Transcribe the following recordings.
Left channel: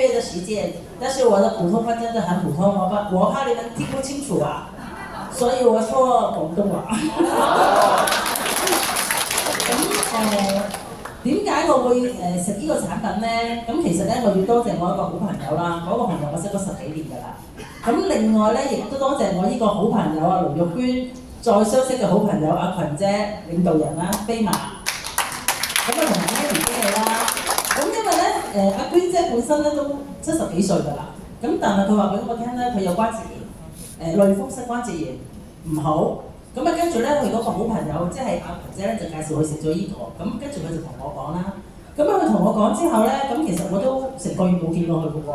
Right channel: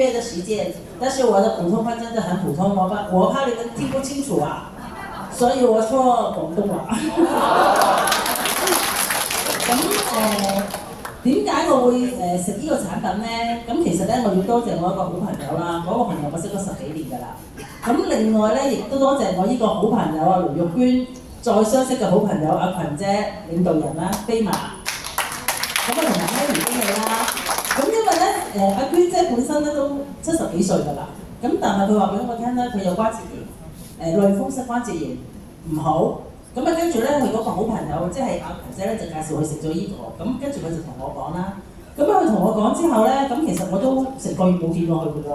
月的時間，但是我的普通話真的很普通，我怕你們聽不清楚啊，所以我說廣東話。點解我會食呢個產品咧？咁其實咧，我要多謝我一個好朋友啦，嗰個朋友我識咗10幾年㗎啦。咁另外咧，亦都多謝我呢個好朋友啊，盧玉娟，再相識嘅好朋友阿群姐，領導人啦，飛馬。咁啊，同埋 Henry 經理啦。咁因為咧，阿娟姐本身咧都70幾歲㗎啦。咁但係佢話俾我聽咧，佢有關節炎，類風濕關節炎唔好。咁啊，跟住咧，佢嗰個好朋友即係阿群姐咧，就介紹佢食咗呢個。咁跟住佢就同我講啦。咁佢同我講之後咧，咁其實我都成個月冇見過佢嘅喎。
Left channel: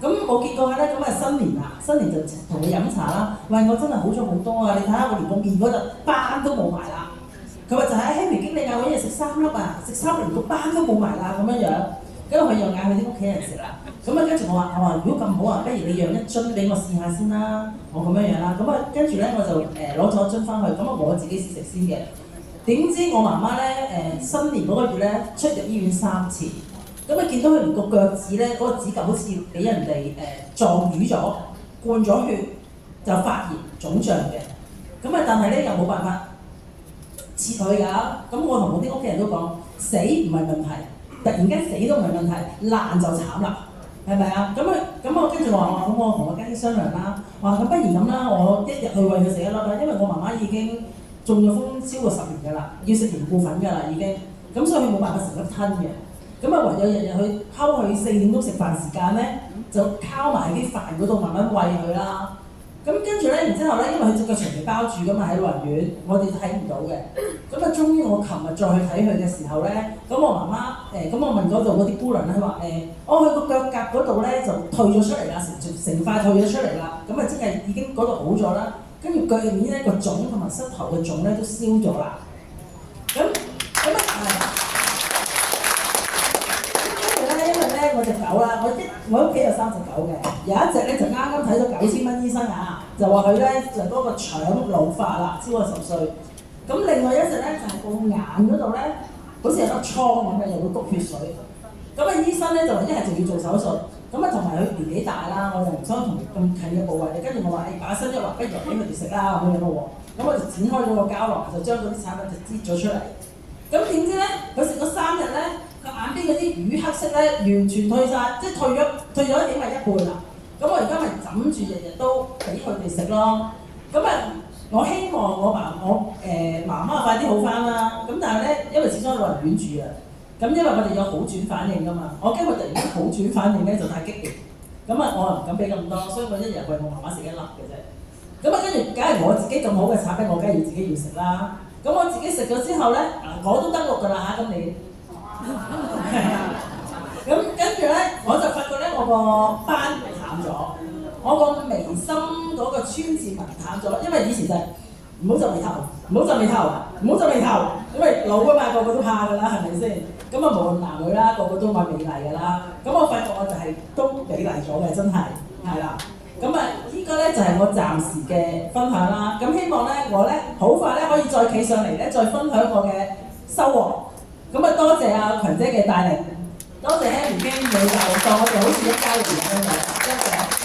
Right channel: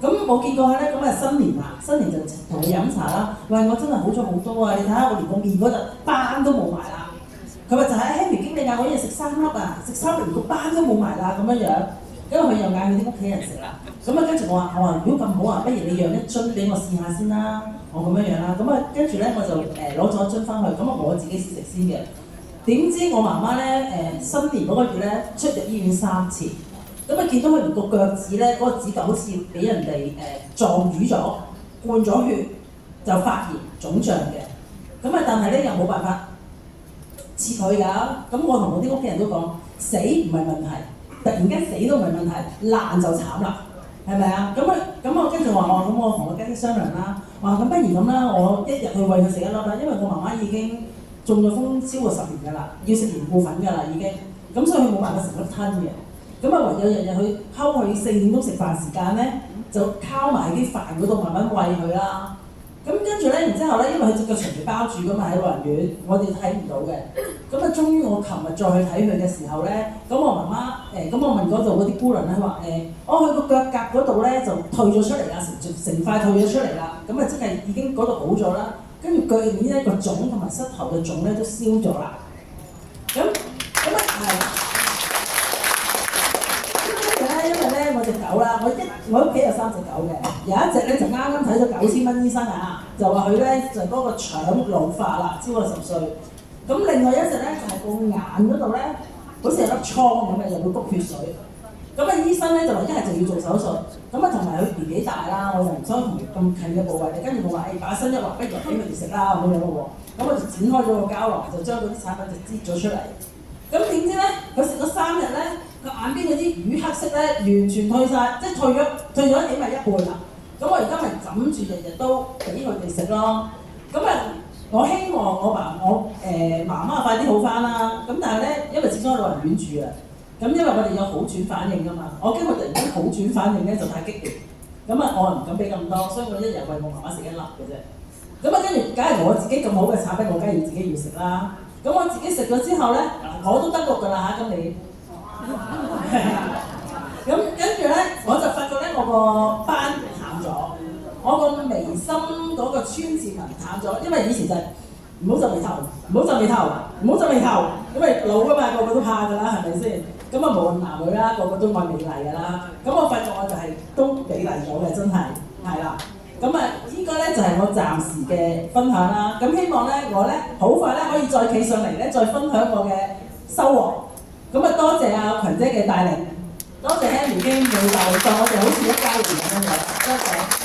咁冇見過佢咧，咁啊新年啊，新年就同佢飲茶啦。喂，我真係好咗好多啊！你睇下我連個面嗰度斑都冇埋啦。佢話就喺 Henry 經理嗌我一日食3粒啊，食3粒連個斑都冇埋啦咁樣樣。跟住佢又嗌佢啲屋企人食啦。咁啊跟住我話如果咁好啊，不如你讓一樽俾我試下先啦。我咁樣樣啦。咁啊跟住咧我就攞咗樽翻去，咁啊我自己試食先嘅。點知我媽媽咧新年嗰個月咧出入醫院3次。咁啊見到佢連個腳趾咧，嗰個指甲好似俾人哋撞瘀咗，灌咗血，就發炎腫脹嘅。咁啊但係咧又冇辦法切佢㗎。咁我同我啲屋企人都講，死唔係問題，突然間死都唔係問題，爛就慘啦，係咪啊？咁我跟住話咁我同我家姐商量啦，話咁不如咁啦，我一日去餵佢食1粒啦，因為我媽媽已經中咗風超過10年㗎啦，要食凝固粉㗎啦已經，咁所以佢冇辦法成粒吞嘅。咁啊，唯有日日去睺佢4點鐘食飯時間咧，就靠埋啲飯嗰度慢慢餵佢啦。咁跟住咧，然之後咧，因為佢隻腳長期包住噶嘛喺老人院，我哋睇唔到嘅。咁啊，終於我琴日再去睇佢嘅時候咧，咁我媽媽咁我問嗰度嗰啲姑娘咧話佢個腳甲嗰度咧就退咗出嚟啦，成塊退咗出嚟啦。咁啊，即係已經嗰度好咗啦。跟住腳入面咧個腫同埋膝頭嘅腫咧都消咗啦。咁我隻狗啦，我屋企有3隻狗嘅，有一隻咧就啱啱睇咗9000蚊醫生啊，就話佢咧就嗰個腸老化啦，超過10歲。咁另外一隻咧就係個眼嗰度咧，好似有粒瘡咁嘅，又會篤血水。咁啊醫生咧就話一係就要做手術，咁啊同埋佢年紀大啦，我就唔想同咁近嘅部位。跟住我話把心一橫，不如俾佢哋食啦咁樣咯喎。咁我就展開咗個膠囊，就將嗰啲產品就擠咗出嚟。咁點知咧，佢食咗3日咧，個眼邊嗰啲乳黑色咧完全退晒，即係退咗起碼1半啦。咁我而家咪枕住日日都俾佢哋食咯。咁我希望我媽媽快啲好翻啦。咁但係咧，因為始終喺老人院住啊，咁因為我哋有好轉反應㗎嘛，我驚佢突然間好轉反應咧就太激烈。咁我唔敢俾咁多，所以我一日餵我媽媽食1粒嘅啫。咁跟住，梗係我自己咁好嘅產品，我梗係要自己要食啦。咁我自己食咗之後咧，我都登錄㗎啦嚇，今年。咁跟住咧，我就發覺咧，我個斑淡咗，我個眉心嗰個川字紋淡咗，因為以前就係唔好皺眉頭，唔好皺眉頭，唔好皺眉頭，因為老啊嘛，個個都怕㗎啦，係咪先？咁啊，無論男女啦，個個都愛美麗㗎啦。咁我發覺我就係都美麗咗嘅，真係係啦。咁依家咧就係我暫時嘅分享啦。咁希望咧我咧好快咧可以再企上嚟咧，再分享我嘅收穫。咁啊，多謝阿群姐嘅帶領，多謝 Henry 經理就當我哋好似一家人咁樣嘅，多謝。